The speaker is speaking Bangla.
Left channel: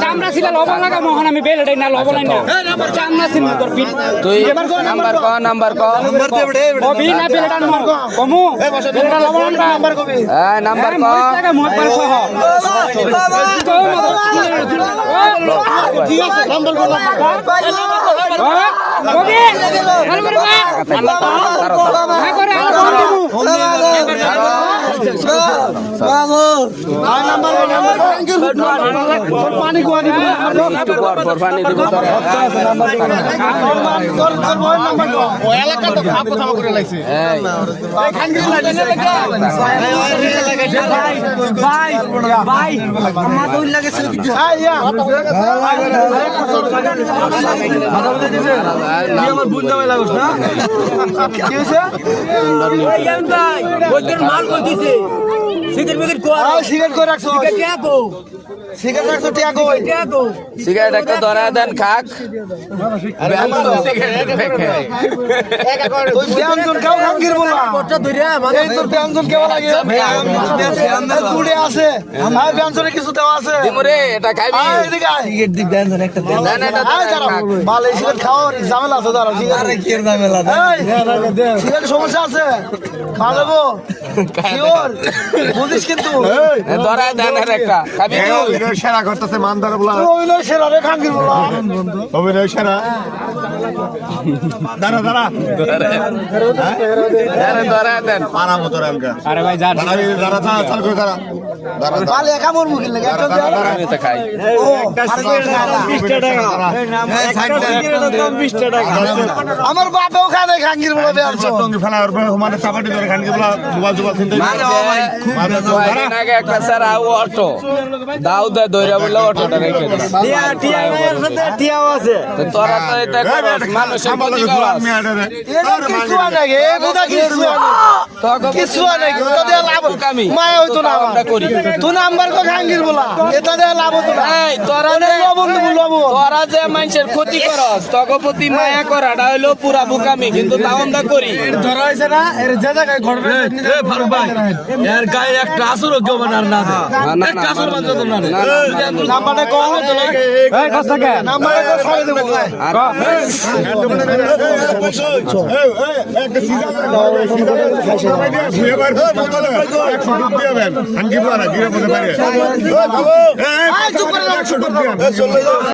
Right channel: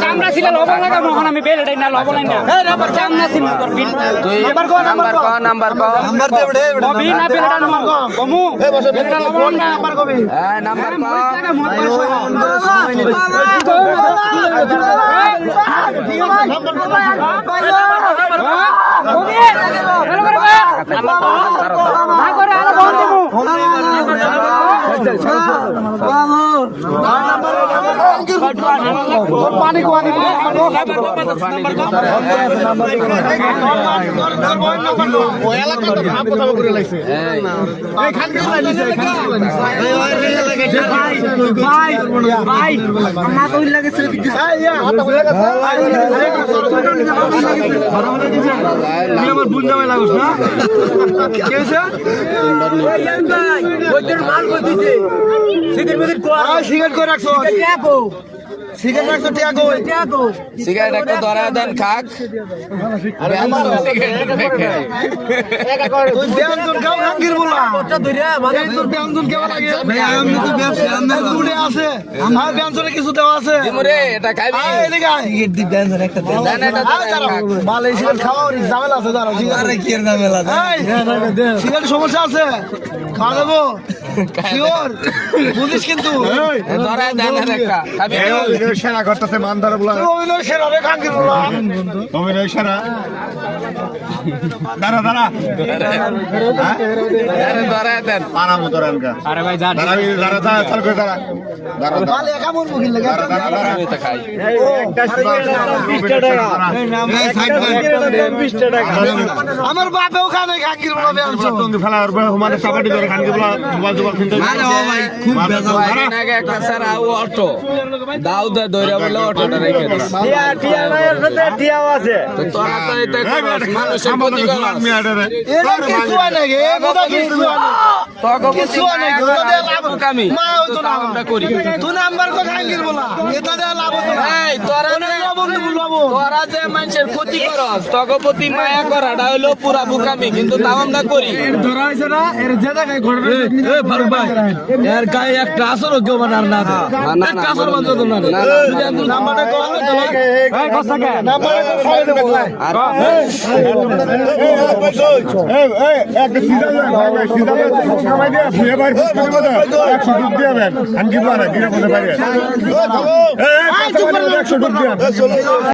চামড়া ছিল লবণ লাগা মোহন আমি বেল এটাই না লবণ না চামড়া ছিল তোর বিল এবার কো নাম্বার দে বড়ে বি না বেল এটা নাম্বার কমু এটা লবণ না নাম্বার কবি নাম্বার পানি কোয়ানি ভাই ভাই আমার তো লাগে আমার বুঝতে লাগছ না কি হইছে ওই ইয়ান ভাই ওইটার মাল কো দিছে সিগারেট করে রাখছো সিগারেট রাখছো টিয়াগো সিগারেট একটা ধরা দেন খাক আরে আমার একা করে তুই ব্যঞ্জন খাও খাঙ্গির বলা ওটা ধরিয়া মানে তোর ব্যঞ্জন কেমন লাগে ভাই আমি তো ব্যঞ্জন ফুডে আছে আমার ব্যঞ্জনে কিছু দেওয়া আছে দিমরে এটা খাইবি সিগারেট দি ব্যঞ্জন একটা দেন এটা মাল এই সিগারেট খাও আর ঝামেলা আছে ধরা আরে কি এর ঝামেলা সিগারেট সমস্যা আছে খাওয়াবো শিওর বুঝিস কিন্তু ধরা দেন একটা খাবি অভিনয় সেরা করতেছে মানদার বলা অভিনয় সেরা রে খাঙ্গির বলা অভিনয় সেরা দাঁড়া দেন পারামো তোরানকা আরে ভাই জান দাঁড়া চাল করে দাঁড়া তাহলে একা মরবো কি লাগে দাঁড়া আমি তো খাই একটা আমার বাপও খায় না খাঙ্গির বলা বেলছো টঙ্গি ফেলা আর মানে চাপাটি ধরে খাঙ্গির বলা মোবাইল জোবা কিনতে খুব আগে একটা স্যার অটো দাও দে ধরে বলে অটোটা রেখে টিয়া এর সাথে টিয়াও আছে তোরা তো এটা মানুষের ক্ষতি করাস এটা কিছু নাকি এ বুদা কিছু তোকে কিছু নাকি ওটা দিয়ে লাভ কামি মায়া হইতো না আমরা করি তুই নাম্বার কো খাঙ্গির বলা এটা দিয়ে লাভ হতো না এই তোরা যে মানুষের ক্ষতি করস তোকে প্রতি মায়া করাটা হলো পুরা বুকামি কিন্তু তাও আমরা করি ধরা হইছে না এর যে জায়গায় ঘটনা এ ফারুক ভাই এর গায়ে একটা আসর কেউ বানার না একটা আসর বানতে না নাম্বারটা কো এই কসকে নাম্বারটা কো ছাড়ে দেব এক সিজা সিজা ভাই